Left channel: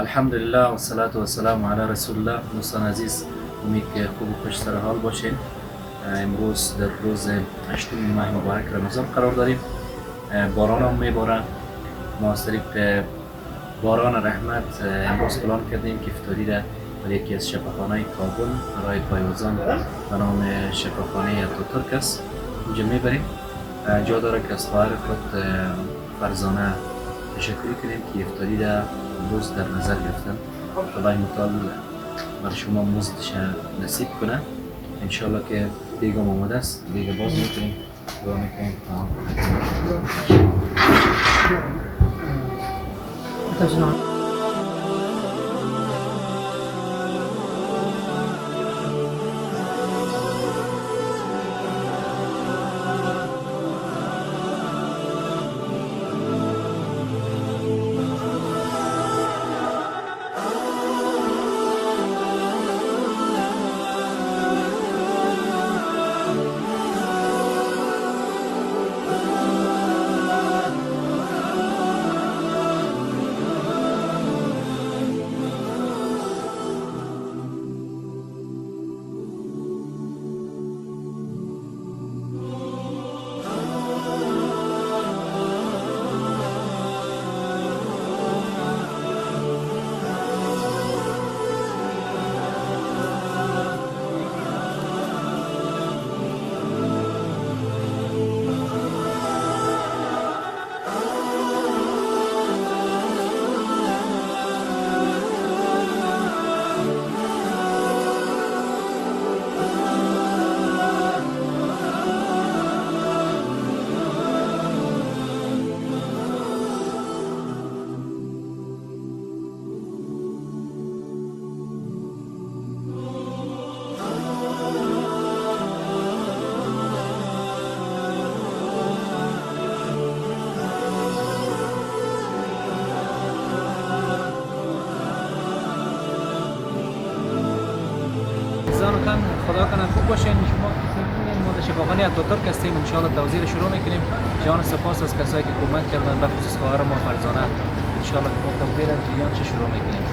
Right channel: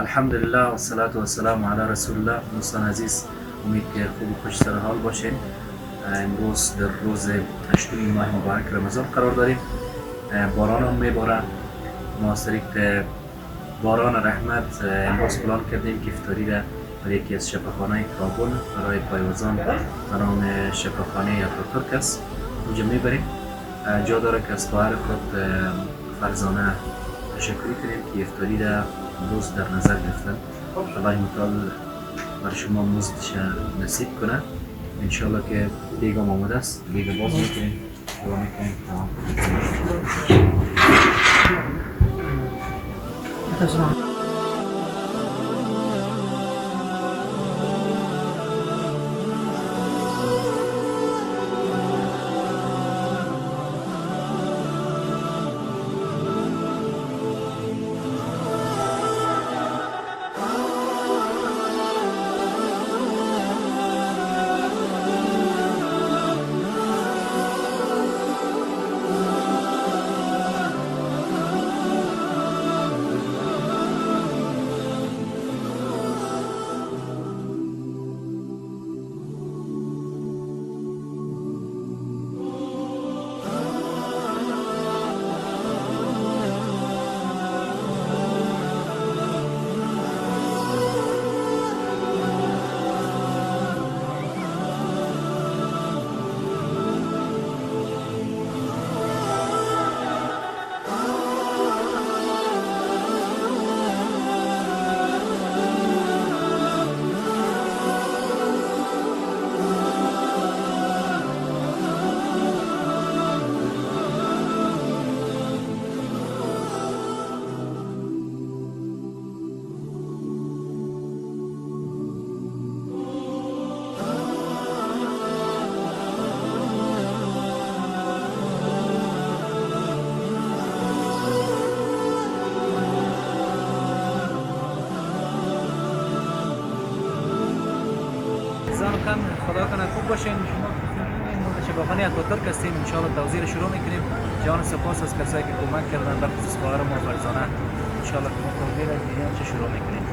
الحمدلله و الصلاة و السلام علی رسول الله. دوستان عزیز، امید که خوب و خوش سر حال باشین. امروز در روز 8 ماه مبارک رمضان قرار داریم. باران هم میباره. ما از طریق باران رحمت امروز پلان کردیم که افطاری را در یکی از شفاخانه کابل برای پایوزان به نام شفاخانه اتاتورک است اونجا میبریم. جا داره که از خواهر خود فرزانه تشکری کنیم که افطاری را امروز در نظر گرفتن. خدای متعال بر شما مزدش نصیب کنه. انشالله که دیگه آماده است، دیگه باز میکنیم، دعا میکنیم تمام. زان خدا کنه خوب باشین. شما ما در شفاخانه اتاتورک هستیم. ان شاء الله توزیع شروع میکنیم. جان سپاس از کسایی که کمک کردن، به خصوص خواهر ما فرزانه. ان شاء الله ما توزیع جریان شروع میکنیم.